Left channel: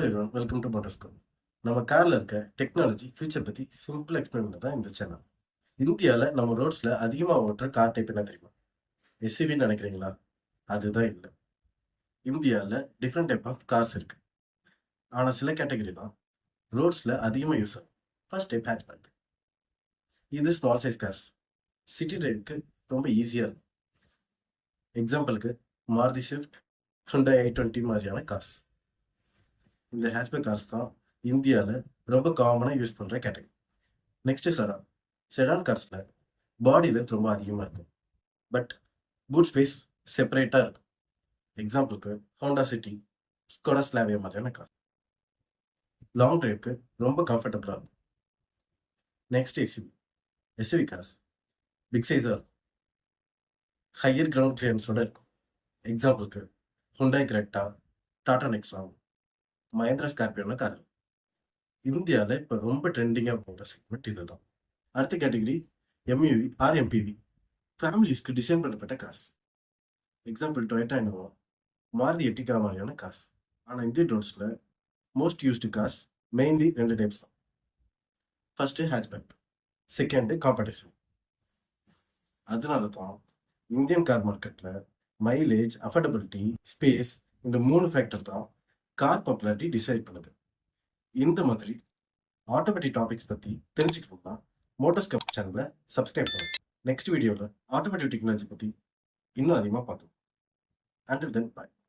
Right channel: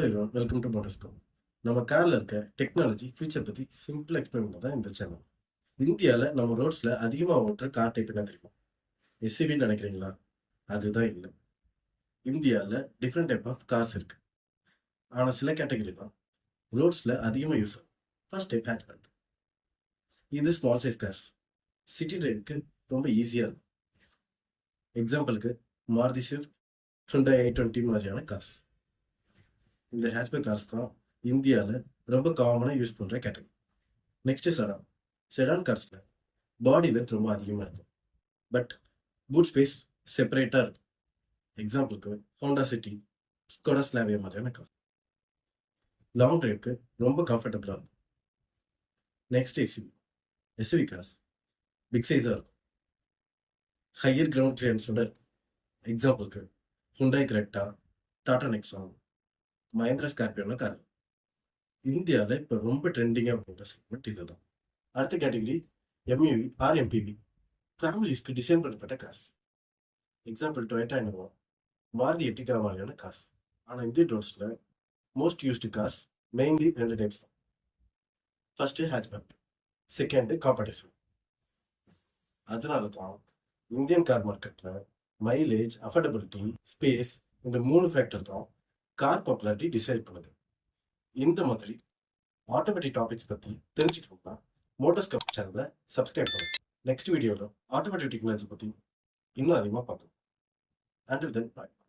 Hello everyone, welcome to Motorscope. நம்ம காரில் இருக்க டெக்னாலஜி ஃபியூச்சர் பற்றி சிம்பிள் எக்ஸ்பிளைன் பண்ண தான் இந்த சேனல். இந்தியாவில் நம்ம ரோட்ஸில் அதிகமாக ஓட்டுற கார் டைப் என்ன தெரியுமா? எஸ்யூவின்னு நினைக்கிறீங்களா? அதுதான் இல்லை. இந்தியாவில் டிஃப்ரெண்ட் டைப் ஆஃப் கார்ஸ் இருக்கு. ஆனால் சில கேட்டகரி தான் ரோட்ஸில் அதிகமாக யூஸ் ஆகும். First type hatchback. இது ஸ்மால் சைஸ் கார்ஸ். சிட்டி ரைடுக்கு ரொம்ப ஈஸியாக இருக்கும். எக்ஸாம்பிளுக்கு மாருதி ஸ்விஃப்ட், ஹுண்டாய் i20 மாதிரியான கார்ஸ். இந்த ஹேட்ச்பேக் கார்ஸ் தான் இந்தியாவில் ரொம்ப காமனாக யூஸ் பண்ணுற கேட்டகரி. Next sedan. செடான் கார்ஸில் பாடி லென்த் ரொம்ப அதிகமாக இருக்கும், பட் பூட் ஸ்பேஸ் செப்பரேட்டாக இருக்கும். எக்ஸாம்பிளுக்கு ஹோண்டா சிட்டி, ஸ்கோடா ஸ்லாவியா மாதிரியான கார். லாங் டிரைவ்க்கு ரொம்ப கம்ஃபர்டபுளாக இருக்கும். Next SUV. SUV cars big சைஸாக இருக்கும், ஹையர் கிரவுண்ட் கிளியரன்ஸோட இருக்கும். எக்ஸாம்பிளுக்கு Hyundai Creta, Tata Nexon, Mahindra ஸ்கார்பியோன கார். இந்தியாவில் இப்போ ரொம்ப ட்ரெண்டிங்காக போகிற செக்மெண்ட் இதுதான். அடுத்த category MUV or MPV, family யூஸ்க்கு டிசைன் பண்ணப்பட்ட cars. Example Toyota Innova, Maruti Ertiga மாதிரியான கார்ஸ். ஆனால் இந்தியன் ரோட்ஸில் மோஸ்ட் யூஸ்டு கார்ஸ் மெயின்லி ரெண்டு டைப்ஸ் தான். First hatchback, second competition. அதனால தான் இந்தியன் கார் மார்க்கெட்டில் மைலேஜ், அஃபோர்டபிலிட்டி, ஸ்பேஸ், இந்த 3 ஃபேக்டர் தான் கார் பாப்புலாரிட்டி டிசைட் பண்ணுது. இந்த மாதிரி ஆட்டோமேட்டிக் டாபிக்ஸ் பற்றி தெரிஞ்சுக்கணும்னா மோட்டர்ஸ்கோப் சேனலை சப்ஸ்கிரைப் பண்ணுங்க. நெக்ஸ்ட் வீடியோவில் ஆட்டோமேட்டிக் டெக்னாலஜி பற்றி இன்னும் அதிகமாக பார்க்கலாம். Until then, bye.